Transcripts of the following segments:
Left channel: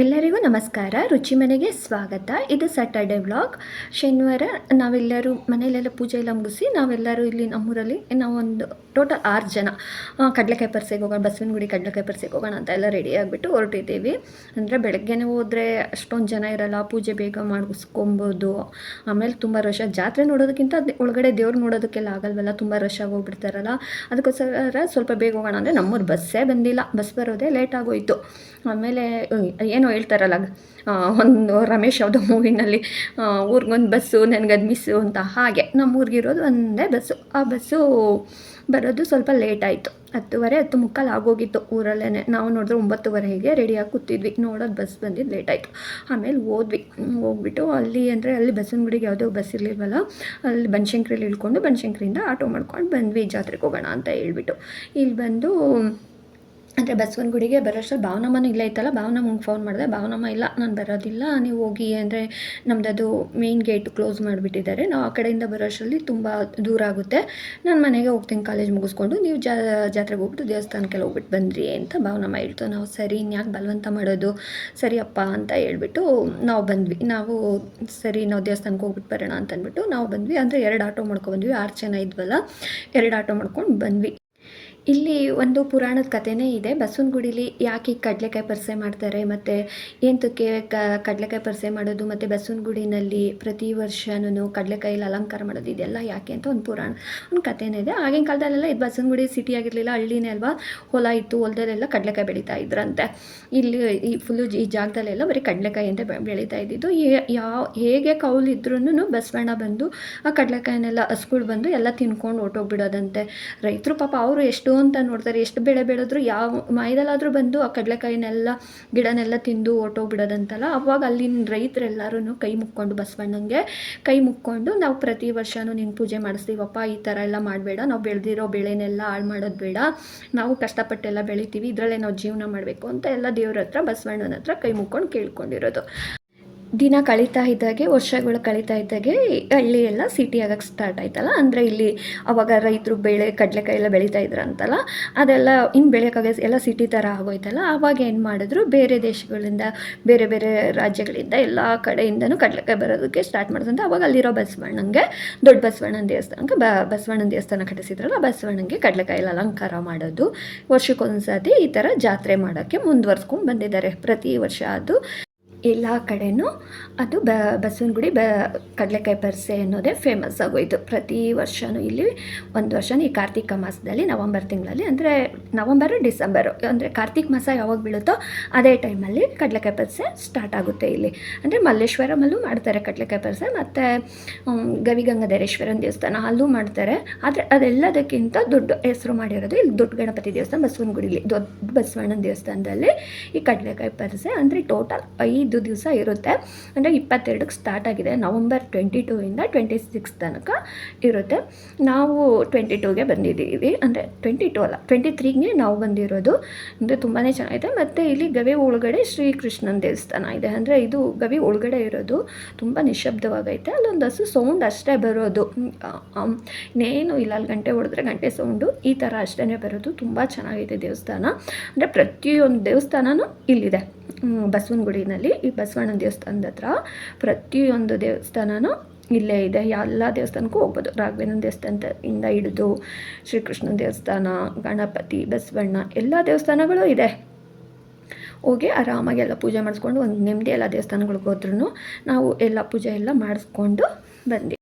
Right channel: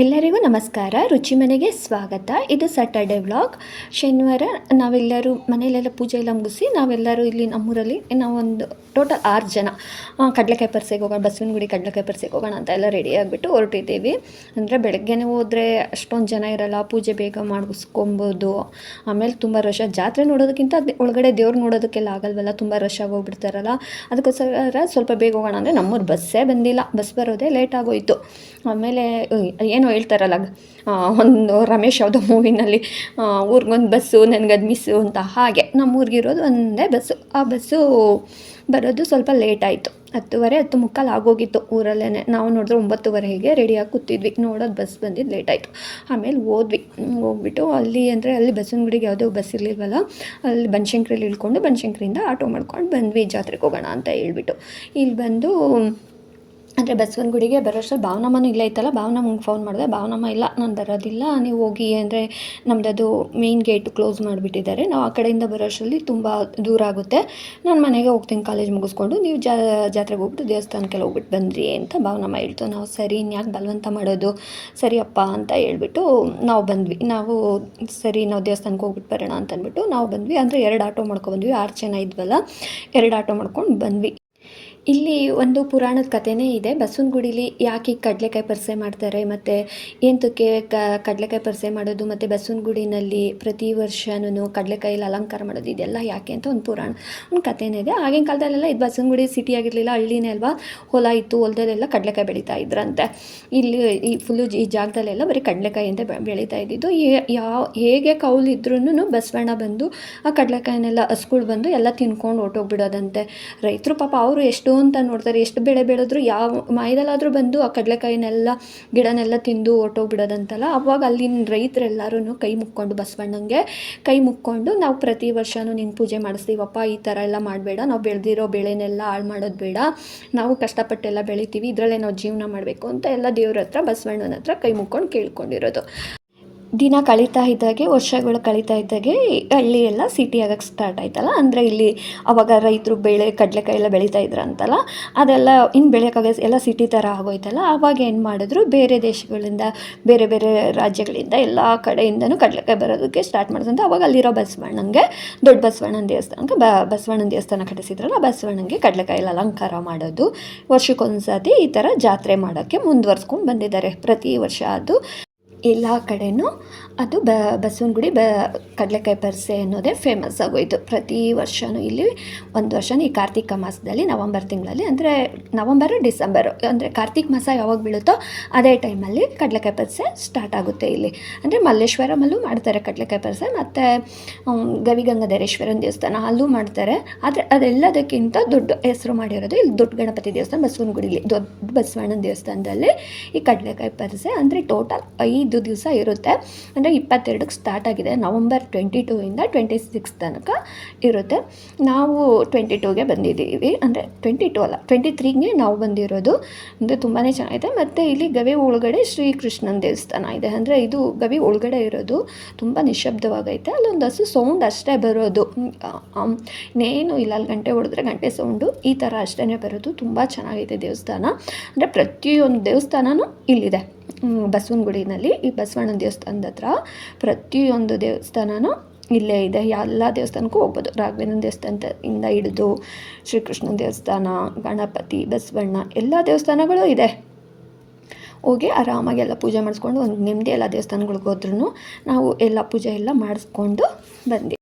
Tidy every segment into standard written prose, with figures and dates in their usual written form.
ಎಲ್ಲರಿಗೂ ನಮಸ್ಕಾರ. ರುಚಿ ಮನೆಗೆ ಸ್ವಾಗತ. ಇದು ಸ್ಯಾಟರ್ಡೆ ವ್ಲಾಗ್. ಶನಿವಾರ ನಾವೆಲ್ಲರೂ ಮನೆಯಲ್ಲೆಲ್ಲ ಪೂಜೆ ಎಲ್ಲ ಮುಗಿಸಿ ನಾವೆಲ್ಲರೂ ಇಲ್ಲಿ ನಮ್ಮೂರಲ್ಲಿ ನಾವೊಂದು ಟೋಟಲ್ 6 ಜನ ಕಡಲೆಕಾಯಿ ಪರಿಸೆಗೆ ಹೋಗೋಣ, ಬಸವನಗುಡಿ ಕಡಲೆಕಾಯಿ ಪರಿಸೆಗೆ ಹೋಗೋಣ ಅಂತ ಎಲ್ಲ ರೆಡಿ ಆಗಿಬಿಟ್ಟು ಹೊರಟಿದ್ದೀವಿ. ಅಂದರೆ ಬೆಳಗ್ಗೆನೇ ಹೋದರೆ ಅಷ್ಟೊಂದು ಜನ ಇರೋಲ್ಲ, ಪೂಜೆ ಬೇಗ ಮಾಡಿಸ್ಕೊಬೋದು. ಆಮೇಲೆ ತುಂಬ ರಶ್, ಜಾತ್ರೆ ನೋಡೋದಕ್ಕಿಂತ ಒಳಗಡೆ ದೇವ್ರು ನೋಡೋದಕ್ಕೆಲ್ಲ ಆಗಲ್ವಲ್ಲ, ತುಂಬ ರಶ್ ಆಗೋಗ್ಬಿಡ್ತಾರಲ್ಲ. ಅದಕ್ಕೋಸ್ಕರ ಸ್ವಲ್ಪ ಬೇಗ ಹೋಗೋಣ ಅಂದರೆ ನಮ್ಮೂರು ಬಸ್ಸೇ ಬಂದಿಲ್ಲ, ಬಸ್ ಬರೋದೇ ಲೇಟ್ ಆಗೋಯಿತು. ಆಮೇಲೆ ಏನೋ ಹೇಳ್ತಾರಲ್ಲ, ಒಂದು ರಮೇಶ್ ಯಾವುದೋ ಮೂವಿನಲ್ಲಿ ಊರಿಗೊಂದು ಬಸ್ಸು ನನಗದು ಮಿಸ್ಸು ಅಂತ, ಹಾಗೆ ನಮ್ಮೂರಿಗಿರೋದು ಒಂದೇ ಬಸ್ಸು. ಆ ಬಸ್ಸು ಬರೋದು ಸ್ವಲ್ಪ ಲೇಟ್ ಆಯಿತು. 10:30 10:45 ಆಗೋಗಿತ್ತು ಊರಲ್ಲೇ. ನಾವು ನೋಡಿದ್ರೆ 9:30ಗೆ ರೆಡಿಯಾಗಿ ಕೂತಿದ್ವಿ. ನೋಡೋದು ಬಸ್ ಬಂದಿದ್ದು ಲೇಟ್ ಆಯಿತು. ಆಮೇಲೆ ಹೋಗ್ಬಿಟ್ಟು ಅಲ್ಲಿ ಬಸವನಗುಡಿಗೆ ಯಾವುದೋ ಬಸ್ ಇರಲಿಲ್ವಲ್ಲ, ಅಲ್ಲಿ ಬನಶಂಕರಿಯಲ್ಲಿ ಇಳ್ಕೊಂಡು ಬನಶಂಕರಿಯಿಂದ ಆಟೋ ಮಾಡ್ಕೊಂಡು ಬಂದ್ವಿ ಜಾತ್ರೆಗೆ ಹೋಗೋಣ ಅಂತ ಹೇಳ್ಬಿಟ್ಟು. ಇಲ್ಲಿ ಬಂದು ಅಂದರೆ ಬಸವನಗುಡಿಗೆ ಬರೋಷ್ಟರಲ್ಲಿ ಭಾವನಮ್ಮನೂ ಇಲ್ಲೇ ಇತ್ತಲ್ಲ, ಭಾವನಮ್ಮಂಗೆ ಫೋನ್ ಮಾಡಿದೆ. ಭಾವನಮ್ಮ ಇಲ್ಲ, ನಾನು ಬರೋದಿಲ್ಲ, ನೀವು ಹೋಗಿ, ಅಂದರೆ ನಮ್ಮದು ಮೇಯ್ನ್ ಗೇಟ್ ಕ್ಲೋಸ್ ಮಾಡಿಬಿಟ್ಟಿದ್ದಾರೆ, ನಾವು ಆ ಕಡೆಯಿಂದ ಬರೋಷ್ಟರಲ್ಲಿ ತುಂಬ ದೂರ ಆಗುತ್ತೆ, ನಾನು ಮನೆಗೆ ಹೋಗ್ತೀನಿ ಕಾಲೇಜ್ ಮುಗಿಸ್ಕೊಂಡು, ನೀವು ಜಾತ್ರೆಗೆ ಹೋಗ್ಬಿಟ್ಟು ದೇವಸ್ಥಾನಕ್ಕೆಲ್ಲ ಹೋಗ್ಬಿಟ್ಟು ಬಂದ್ರಿ ಅಂತ ಭಾವನಮ್ಮ ಹೇಳ್ತು. ನಾವು ಸರಿ, ಇನ್ಯಾಕೆ ಬಲವಂತ ಮಾಡೋದು, ಸರಿಯಪ್ಪ ಅಂತ ಹೇಳ್ಬಿಟ್ಟು ನಾವು ಬಂದ್ವಿ. ನಾವು ದೇವಸ್ಥಾನಕ್ಕೆ ಹೋಗ್ಬಿಟ್ಟು ಬರೋಣ ಅಂತ ಅಂದ್ಬಿಟ್ಟು ನಾವು ಬಂದ್ವಿ. ಅಂದರೆ 2 ಆಟೋ ಮಾಡ್ಕೊಬಂದ್ವಿ, 6 ಜನ ಇದ್ವಲ್ಲ, 2 ಆಟೋ ಮಾಡ್ಕೊಂಡು ಬಂದ್ವಿ. ಇಲ್ಲಿ ಒಂದು ಪುರಾಣದ ಕಥೆನೇ ಇದೆ. ಬಸವನಗುಡಿಲಿ ಯಾಕೆ ಕಡಲೆಕಾಯಿ ಪರಿಸೆ ಮಾಡ್ತಾರೆ, ಮತ್ತು ಎಂತಕ್ಕೆ ಕಡಲೆಕಾಯಿ ಪರಿಸೆ ಮಾಡೋದು, ಮತ್ತು ಬಸವನಗುಡಿನಲ್ಲಿ ಪ್ರತಿ ವರ್ಷವೂ ಕಡಲೆಕಾಯಲ್ಲಿ ಅಲಂಕಾರ ಮಾಡೋದು, ಇದೆಲ್ಲ ಯಾಕೆ ಅಂತ ಒಂದು ಕಥೆನೇ ಇದೆ. ಆಗಿನ ಕಾಲದಲ್ಲೆಲ್ಲ ಇದು ಬಸವನಗುಡಿ ಸಿಟಿ ಆಗಿರಲಿಲ್ಲ, ಹಳ್ಳಿನೇ ಅಲ್ವಾ, ಹೊಲ ಇತ್ತು, ಹೊಲದಲ್ಲೆಲ್ಲ ಕಡಲೆಕಾಯಿ ಬೆಳೀತಾ ಇದ್ರಂತೆ. ಇಲ್ಲಿ ಈ ಜಾಗದಲ್ಲೆಲ್ಲ ಬರೀ ಕಡಲೆಕಾಯಿ ಅಂತ ಬೆಳೀತಾ ಇದ್ದಿದ್ದು. ಹೇಗೆ ಕೌಲಿದ್ರೂ ಬಸವಣ್ಣ ಬಂದು ಆ ಕಡಲೆಕಾಯಿನೆಲ್ಲ ಹಸ್ಗಳು ಬಂದು ಎಲ್ಲ ತಿನ್ಕೊಂಡು ಹೊರ್ಟೋಗ್ಬಿಡೋದಂತೆ. ರೈತರು ಪಾಪ ಅವರು ಎಷ್ಟು ಅಂತ ನೋಡ್ತಾರೆ, ಎಷ್ಟು ಬೆಳೆ ಬೆಳೆದ್ರು ಯಾವ ಮಾಯದಲ್ಲಾದರೂ ಬಂದು ಆ ಕಡಲೆಕಾಯಿನೆಲ್ಲ ಗಿಡನೆಲ್ಲ ತಿಂದು ಹೊರ್ಟೋಗ್ಬಿಡೋದಂತಲ್ಲ. ಅವಾಗ ಅಲ್ಲಿನ ರೈತರೆಲ್ಲರೂ ಕೈ ಮುಕ್ಕೊಂಡು ಬಸವಣ್ಣಂಗೆ ಕೈ ಮುಕ್ಕೊಂಡು, ನಾವು ಪ್ರತಿ ವರ್ಷವೂ ನಿನ್ನ ಪೂಜೆ ಮಾಡಿಸ್ತೀವಪ್ಪ, ಈ ಥರ ಎಲ್ಲ ಮಾಡಬೇಡ, ನಾವು ಬೆಳೆದಿರೋ ಬೆಳೆನೆಲ್ಲ ಹಾಳು ಮಾಡೋದು ಬೇಡ, ನಾವು ಕಷ್ಟಪಟ್ಟೆಲ್ಲ ಬೆಳಿತೀವಿ, ಇದರಲ್ಲೇ ನಾವು ಜೀವನ ಮಾಡಬೇಕು ಅಂತ ಎಲ್ಲ ದೇವ್ರ ಹತ್ರ ಬಸವಣ್ಣನ ಹತ್ರ ಕೈ ಮುಕ್ಕೊಂಡು ಕೇಳ್ಕೊಂಡಿರೋದು. ದಿನ ಕಳೀತಾ ಇದ್ದಾಗೆ, ವರ್ಷಗಳು ಕಳೀತಾ ಇದ್ದಾಗೆ ಹಳ್ಳಿ ಎಲ್ಲ ಸಿಟಿ ಆಗೋಕ್ಕೆ ಸ್ಟಾರ್ಟ್ ಆಯ್ತಲ್ಲ. ಅಂದರೆ ಇಲ್ಲಿ ಅವಾಗ ರೈತರು ಕಡಲೆಕಾಯಿ ಎಲ್ಲ ಬೆಳೀತಾ ಇದ್ರಂತಲ್ಲ, ಅದೆಲ್ಲ ಇನ್ನು ಬೆಳೆಯೋಕ್ಕಾಗ ಎಲ್ಲ ಸಿಟಿ ಥರ ಆಗೋಯ್ತಲ್ಲ. ಆವಾಗ ಏನು ಮಾಡಿದ್ರು, ಬೇರೆ ದೇಶಗಳಿಂದ, ಬೇರೆ ಬೇರೆ ರಾಜ್ಯಗಳಿಂದ ಎಲ್ಲ ಕಡೆಯಿಂದನೂ ಕಡಲೆಕಾಯಿ ಬರೋದಕ್ಕೆ ಸ್ಟಾರ್ಟ್ ಮಾಡಿದಂತೆ. ಅವಾಗ ಅಲ್ಲಿರೋ ಬಸವಣ್ಣಂಗೆ, ದೊಡ್ಡ ಬಸವಣ್ಣನ ದೇವಸ್ಥಾನಕ್ಕೆ ಬಸವಣ್ಣನ ದೇವಸ್ಥಾನ ಕಟ್ಟಿಸಿದ್ರಲ್ಲ, ಬಸವಣ್ಣಂಗೆ ಕಡಲೆಕಾಯಲ್ಲಿ ಅಲಂಕಾರ ಮಾಡೋದು ವರ್ಷಕ್ಕೊಂದ್ಸತಿ ಈ ಥರ ಜಾತ್ರೆ ಮಾಡೋಕ್ಕೆ ಮುಂದುವರ್ಸ್ಕೊಂಡು ಬಂದಿದ್ದಾರೆ ಪ್ರತಿ ವರ್ಷ. ಅದು ಎಲ್ಲ ಕಡೆಯೂ ಅದು ಬಸವನಗುಡಿ ಕಡಲೆಕಾಯಿ ಪರಿಸೆ ಅನ್ನೋದೇ ಫೇಮಸ್ ಆಗೋಯಿತು. ಪ್ರತಿ ವರ್ಷವೂ ಇಲ್ಲಿ ಒಂದು ವರ್ಷವೂ ಈ ಕಾರ್ತಿಕ ಮಾಸದಲ್ಲಿ ನವಂಬರ್ ತಿಂಗಳಲ್ಲಿ, ಅಂದರೆ ನವಂಬರು ಡಿಸೆಂಬರು, ಅಂದರೆ ಕಾರ್ತಿಕ ಮಾಸ ಯಾವಾಗ ಬೀಳುತ್ತೋ ಅದೇ ಟೈಮಲ್ಲಿ ಕಡಲೆಕಾಯಿ ಪರಿಸೆ ಸ್ಟಾರ್ಟ್ ಆಗುತ್ತೆ ಇಲ್ಲಿ. ಅಂದರೆ ಮಲ್ಲೇಶ್ವರಮಲ್ಲೂ ಮಾಡ್ತಾರೆ ಕಡಲೆಕಾಯಿ ಪರಿಸೆ, ಮತ್ತು ಗವಿಗಂಗಾಧರೇಶ್ವರನ ದೇವಸ್ಥಾನ ಅಲ್ಲೂ ಮಾಡ್ತಾರೆ. ಆದರೆ ಅದೆಲ್ಲದಕ್ಕಿಂತ ದೊಡ್ಡ ಹೆಸರು ಮಾಡಿರೋದು ಇಲ್ಲಿ ದೊಡ್ಡ ಗಣಪತಿ ದೇವಸ್ಥಾನ ಬಸವನಗುಡಿಲಿ, ದೊಡ್ಡ ಬಸವಣ್ಣನ ದೇವಸ್ಥಾನದಲ್ಲಿ ಈ ಕಡಲೆಕಾಯಿ ಪರಿಸೆ. ಅಂದರೆ ಟೋಟಲ್ 5 ದಿವಸ ಇರುತ್ತೆ. ಅಂದರೆ 22ಕ್ಕೆ ಸ್ಟಾರ್ಟ್ ಆಗಿದೆ, ನವಂಬರ್ 22ಇಂದ 26 ತನಕ ಇರುತ್ತೆ. ನಾವು 22ಗೆ ಬಂದಿದ್ದೀವಿ, ಅಂದರೆ 22 ಅಲ್ಲ 23ಗೆ ನಾವು ಬಂದಿರೋದು. ಅಂದರೆ ತುಂಬಾ ಚೆನ್ನಾಗಿದೆ. ಮತ್ತು ಇಲ್ಲಿ ಗವಿ ಒಳಗಡೆ ಶ್ರೀಕೃಷ್ಣನ ದೇವಸ್ಥಾನ ಇದೆ. ಅಂದರೆ ಇದು ಗವಿ ಒಳಗಡೆ ಇರೋದು, ತುಂಬ ನಿಶಬ್ದವಾಗೈತೆ. ಅಲ್ಲೊಂದು ಹಸು ಸೌಂಡ್ ಅಷ್ಟೇ ಬರೋದು, ಇನ್ನೇನು ಇಲ್ಲ. ಅಲ್ಲಿ ಗಂಟೆ ಹೊಡೆದ್ರೆ ಗಂಟೆ ಸೌಂಡು ಈ ಥರ ಅಷ್ಟೇ ಬರೋದು. ತುಂಬ ಚೆನ್ನಾಗಿದೆ ದೇವಸ್ಥಾನ. ಅಂದರೆ ಪ್ರತಿಯೊಂದು ದೇವಸ್ಥಾನವೂ ಇಲ್ಲಿದೆ ಬಸವನಗುಡಿನಲ್ಲಿ. ಈ ಬಸವಣ್ಣನ ದೇವಸ್ಥಾನದ ಹತ್ರ ಪ್ರತಿಯೊಂದು ದೇವಸ್ಥಾನವೂ ಇಲ್ಲೇ ಇದೆ. ಎಲ್ಲ ದೇವಸ್ಥಾನಕ್ಕೂ ಹೋಗ್ಬೋದು. ರಾಘವೇಂದ್ರ ದೇವಸ್ಥಾನದಿಂದ ಹಿಡಿದು ಶ್ರೀಕೃಷ್ಣನ ದೇವಸ್ಥಾನ, ಗಣಪತಿ, ಬಸವಣ್ಣ ಎಲ್ಲ ದೇವಸ್ಥಾನಗಳು ಇದೆ. ಹೋಗಿ ಆರಾಮಾಗಿ ಎಲ್ಲ ಪೂಜೆ ಮಾಡಿಸ್ಕೊಂಡು ಒಂದು ನೆಮ್ಮದಿ. ಎಲ್ಲ ದೇವಸ್ಥಾನಗಳಿಗೆ ಹೋದ್ರೂ ನಾವು ಎಲ್ಲ ಪೂಜೆ ಎಲ್ಲ ಮಾಡಿಸ್ಕೊಂಡು ಬಂದ್ವಿ.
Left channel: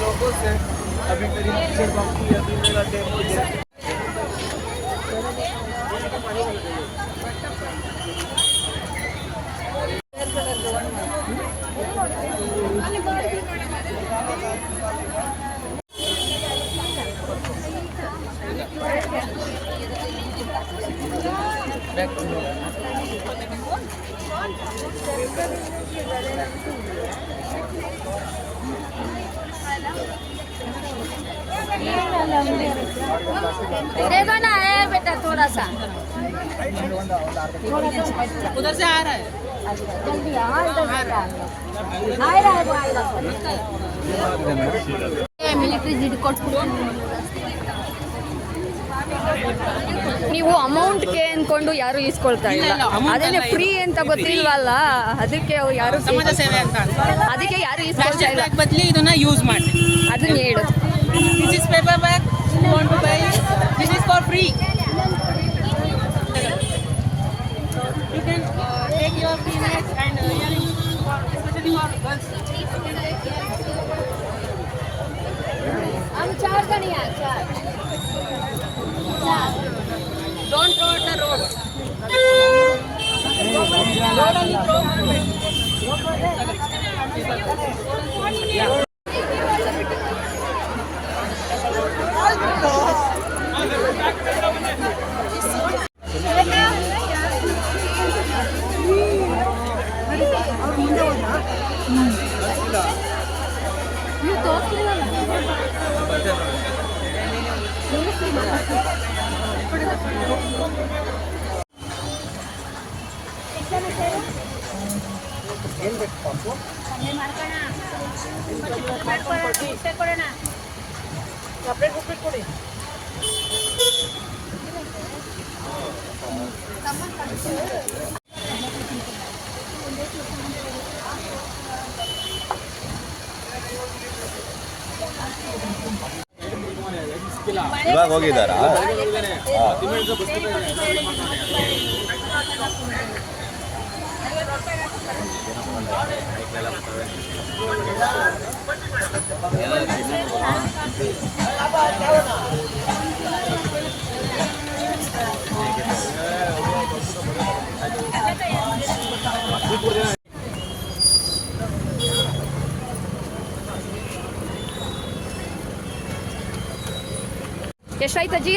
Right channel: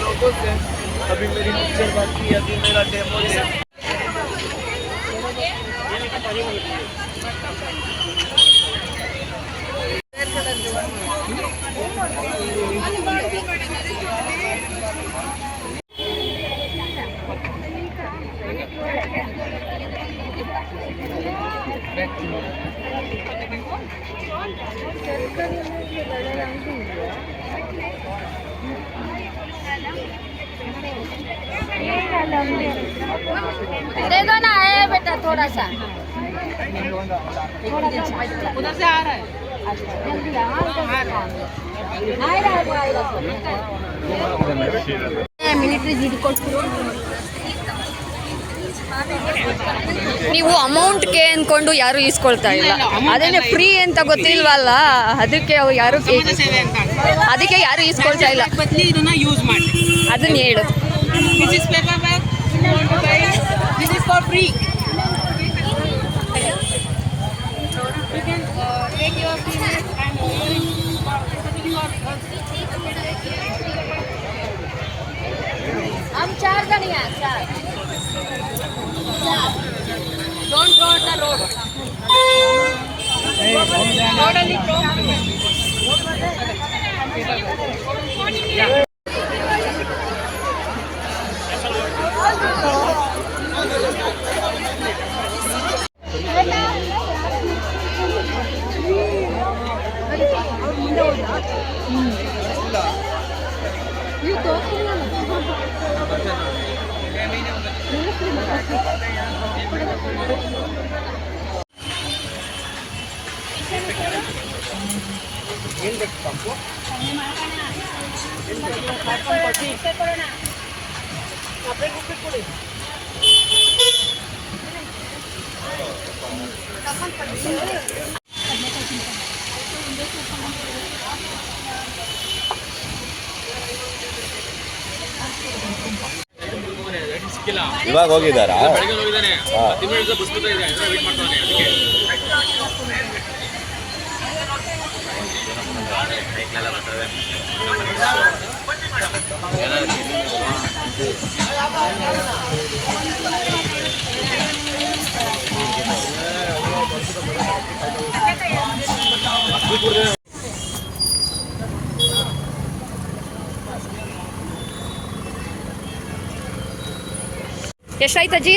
लोगों से अभी मेरी पिक्चर बनती है, अभी मेरा डेमो दे। दे दो ना है बेटा थोड़ा सा उधर से आ रहा है जल्दी ಮಿಲಿಟರಿ ದುಡ್ಡು ಕೊಟ್ಬಿಡು ನೀವು ಅಮೌಂಟ್ಗೆ ಅಂದ್ಕೊಂಡು ಯಾರು ಈಸ್ಕೊಳ್ತಾ ಇಲ್ಲ, ಅದೇನೆ ಫ್ರೀ ಅಂತ ಗೊತ್ತಿಲ್ವಲ್ಲ, ಅದಕ್ಕೆ ಅವ್ರು ಯಾರು ಅದಕ್ಕೆ ಯಾರು ಈಸ್ಕೊಳ್ತಾ ಇಲ್ಲ. ಬದಲಿ ಇದನ್ನ ಯೂಸ್ ಮಾಡಿ ಅದನ್ನ ಹೇಳು. This is paper bag, you want to buy, this is for free. You can take your business and हम चार जने हैं, चार. Don't throw on the road. Road only throw. ಇವಾಗ ಹೋಗಿದ್ದಾರಾ? ಎಷ್ಟಾಯ್ತು ಅಜ್ಜಿ?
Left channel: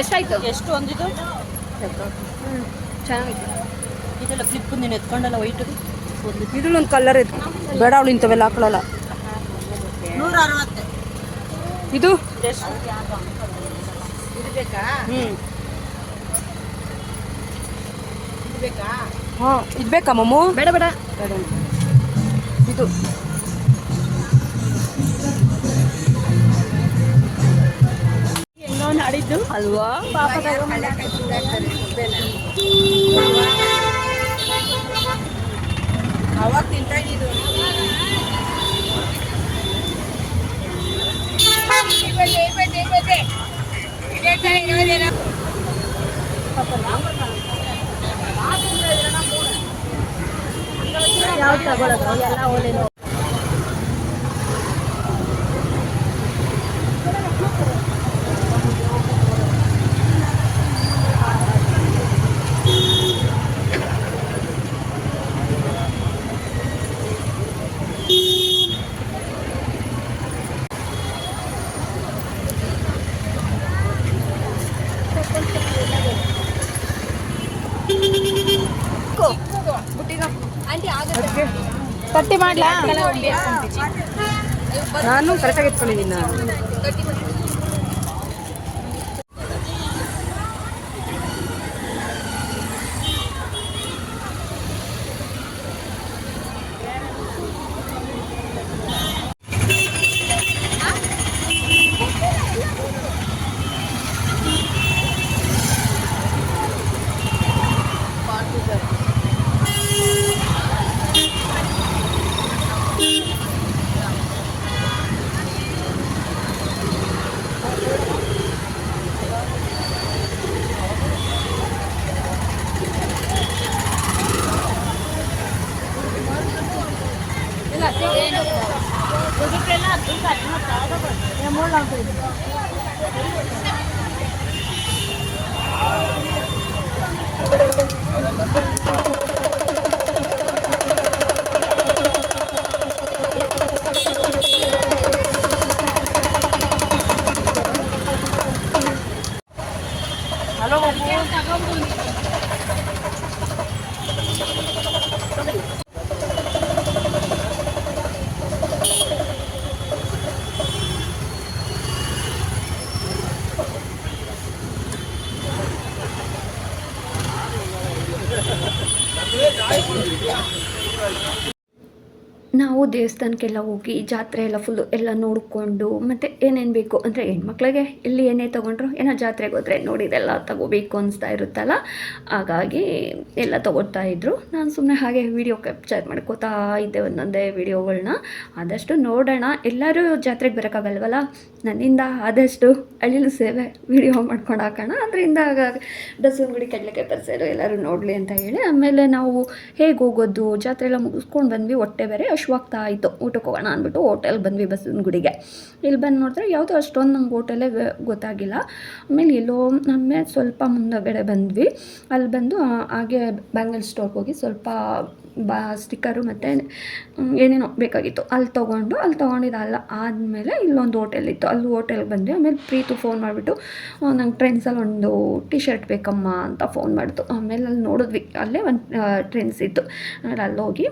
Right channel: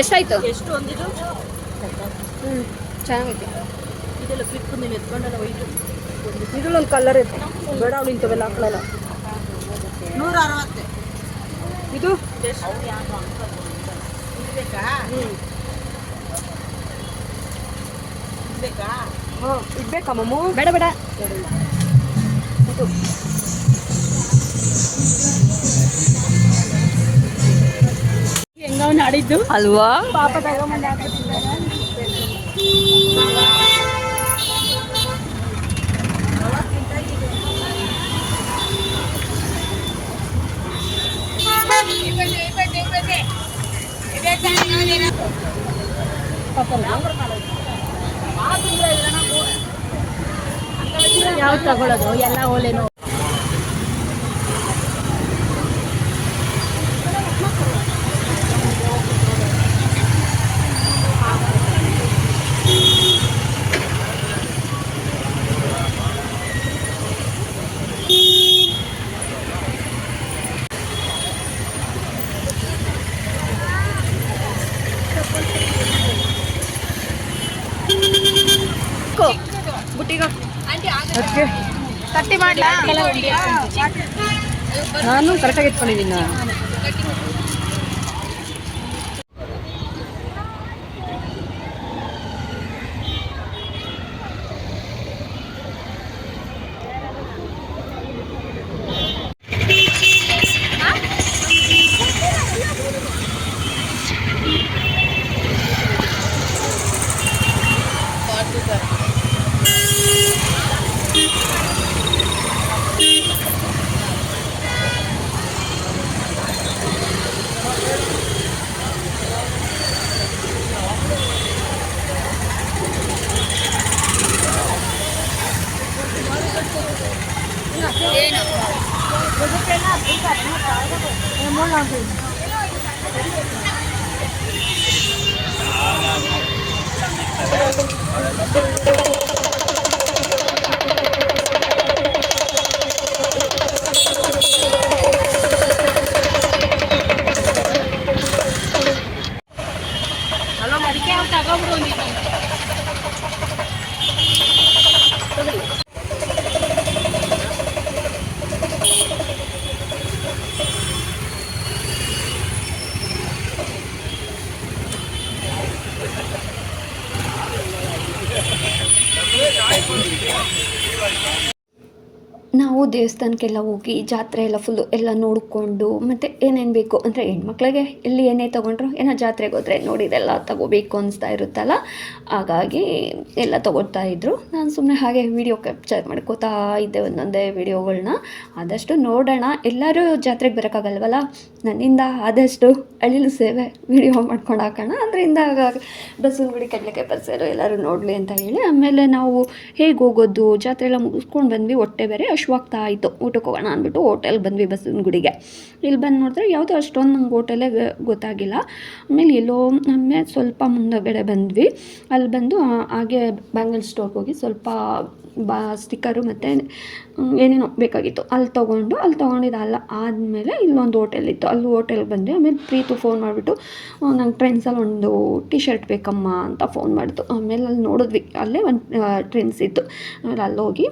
ಎಷ್ಟಾಯ್ತು? ಎಷ್ಟು ಒಂದಿದು ಚೆನ್ನಾಗಿದೆ. ಇದೆಲ್ಲ ಕ್ಲಿಪ್ ನೀನು ಎತ್ಕೊಂಡಲ್ಲ ವೈಟ್ ಇದ್ರಲ್ಲೊಂದು ಕಲರ್ ಇದೆ, ಬೇಡ ಅವಳು ಇಂಥವೆಲ್ಲ ಹಾಕೊಳ್ಳಲ್ಲ. 160 ಇದು ಇದು ಬೇಕಾ? ಇದು ಬೇಕಾ? ಹಾಂ ಇದು ಬೇಕಾ ಮಮ್ಮು? ಬೇಡ ಬೇಡ ಇದು ಹೆಂಗೋ ನಾಡಿದ್ದು ಅಲ್ವಾ? ಯಾವ್ದು ತಗೊಳ್ಳೋದು ಎಲ್ಲ ಓಲೇನು ತಟ್ಟಿ ಮಾಡ್ಲಾ? ನಾನು ಕರೆಕ್ಟಾಗಿ ಎತ್ಕೊಂಡಿದ್ದೀನಿ. ನಾವು ದೇವಸ್ಥಾನಕ್ಕೆಲ್ಲ ಹೋಗಿ ಜಾತ್ರೆ ಎಲ್ಲ ಫುಲ್ಲು ಎಲ್ಲ ನೋಡಿಕೊಂಡು ಮತ್ತು ಏನೇನು ಬೇಕು ಅಂದರೆ ಹೆಣ್ಮಕ್ಳಿಗೆ ಎಲ್ಲಿ ಏನೇ ತೊಗೊಂಡ್ರು ಏನೋ ಜಾತ್ರೆಗೆ ಹೋದರೆ ನೋಡಿದೆಲ್ಲ ತೊಗೋಬೇಕು ಅನಿಸ್ತಾ ಇರುತ್ತಲ್ಲ, ಹಾಗಾಗಿ ಎಲ್ಲ ತೊಗೊಳ್ತಾ ಇದ್ದರು. ನಾನು ಸುಮ್ಮನೆ ಹಾಗೆ ವೀಡಿಯೋ ಕ್ಯಾಪ್ಚರ್ ಮಾಡ್ಕೋತಾ ಇದ್ದೆ ಒಂದೊಂದೇ ವೀಡಿಯೋಗಳನ್ನ. ಆದಷ್ಟು ನೋಡೋಣ, ಎಲ್ಲರೂ ಜಾತ್ರೆಗೆ ಬರೋಕ್ಕಾಗಲ್ವಲ್ಲ, ನನ್ನಿಂದ ಆದಷ್ಟು ಅಳಿಲು ಸೇವೆ ವೀಡಿಯೋ ಮಾಡ್ಕೊಂಡು ಹಾಕೋಣ, ಅದರಿಂದ ಬಸವನಗುಡಿ ಕಡಲೆಕಾಯಿ ಪರಿಸರ ಎಲ್ಲರೂ ನೋಡಲಿ ಅಂತ ಹೇಳಿ. ಆಮೇಲೆ ನಾವು ಹೇಗೆ ಹೋಗೋದು, ಜಾತ್ರೆ ಎಲ್ಲ ಮುಗಿಸ್ಕೊಂಡು ಬಂದ್ವಿ, ಹೊಟ್ಟೆ ಬೇರೆ ಹಶ್ವಾಗ್ತಾ ಆಯಿತು, ಊಟಕ್ಕೆ ಹೋಗೋಣ ಅಂದ್ಬಿಟ್ಟು ಹೋಟೆಲ್ಗೆ ಬಂದ್ವಿ ಬಸವನಗುಡಿಗೆ. ಇಲ್ಲಿ ಬಂದು ನೋಡಿದ್ರೆ ಯಾವುದೋ ಅಷ್ಟೊಂದು ನಂಗೆ ಹೋಟೆಲೇ ಗೊತ್ತಾಗಿಲ್ಲ. ಆಮೇಲೆ ಆಮೇಲೆ ಸ್ವಲ್ಪ ಮುಂದಗಡೆ ಬಂದ್ವಿ. ಅಲ್ಲಿ ಬಂದು ಹಾಗೆ ಬ್ಯಾಂಗಲ್ ಸ್ಟೋರ್ಗೆ ಹೋಗಿ ಸ್ವಲ್ಪ ಸ್ಟಿಕ್ಕರು ಮತ್ತು ಏನೇನೋ ಬೇಕಾಗಿತ್ತು ಅಲ್ಲಿ ತೊಗೊಂಡಿದ್ದು ಆದಮೇಲೆ ಇಲ್ಲೊಂದು ಹೋಟೆಲ್ ಇತ್ತು, ಅಲ್ಲಿ ಹೋಟೆಲ್ಗೆ ಬಂದ್ವಿ. ಆಮೇಲೆ ಪ್ರೀತು ಫೋನ್ ಮಾಡಿಬಿಟ್ಟು ನಂಗೆ ಟ್ರೆಂಡ್ಸಲ್ಲಿ ಒಂದು ಟಿ ಶರ್ಟ್ ಬೇಕಮ್ಮ ಅಂತ ಫೋನ್ ಮಾಡಿತು. ಆಮೇಲೆ ಅಲ್ಲಿ ನೋಡಿದ್ವಿ, ಅಲ್ಲೇ ಒಂದು ಟ್ರೆಂಡ್ಸ್ ಇತ್ತು. ಆಮೇಲೆ ಅಲ್ಲೋಗಿ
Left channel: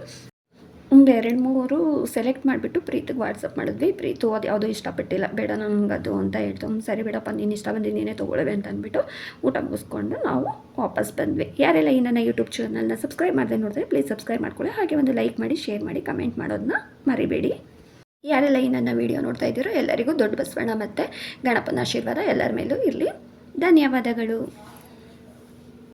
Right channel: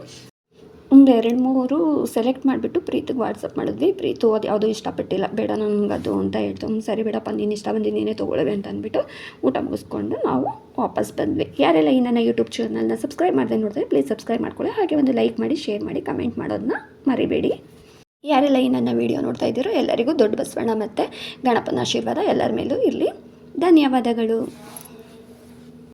ಒಂದು 2-3 ಸೆಲೆಕ್ಟ್ ಮಾಡಿಬಿಟ್ಟು ಪ್ರೀತಿಗೆ ವಾಟ್ಸಪ್ ಮಾಡಿದ್ವಿ. ಪ್ರೀತು ಅದು ಯಾವುದೂ ಇಷ್ಟಪಟ್ಟಿಲ್ಲ, ಬೇಡ ನನಗೆ ಅದು ಅಂತ ಹೇಳ್ತು. ಸರಿ ಬೇಡಪ್ಪ, ನೀನು ಇಷ್ಟ ಬಂದು ನೀನೇ ತೊಗೊಳ್ಳುವೆ ಅಂತ ಅಂದ್ಬಿಟ್ಟು ಊಟ ಮುಗಿಸ್ಕೊಂಡು ನಾವು ವಾಪಸ್ ಬಂದ್ವಿ. ಯಾರೆಲ್ಲ ಈ ನನ್ನ ಯೂಟ್ಯೂಬ್ ಚಾನಲ್ನ ಸಬ್ಸ್ಕ್ರೈಬ್ ಮಾಡದೆ ನೋಡಿದ್ರೆ ಪ್ಲೀಸ್ ಸಬ್ಸ್ಕ್ರೈಬ್ ಮಾಡ್ಕೊಳ್ಳಿ, ಹಾಗೆ ಒಂದು ಲೈಕ್ ಮಾಡಿ, ಶೇರ್ ಮಾಡಿ, ಕಮೆಂಟ್ ಮಾಡೋದನ್ನ ಮರಿಬೇಡಿ. ಯಾರೆಲ್ಲ ಈ ನನ್ನ ವೀಡಿಯೋ ನೋಡ್ತಾ ಇದ್ದೀರೋ ಎಲ್ಲರಿಗೂ ದೊಡ್ಡ ಬಸವಣ್ಣ ಮತ್ತು ಗಣಪನ ಆಶೀರ್ವಾದ ಎಲ್ಲರ ಮೇಲೂ ಇರಲಿ. ಧನ್ಯವಾದಗಳು.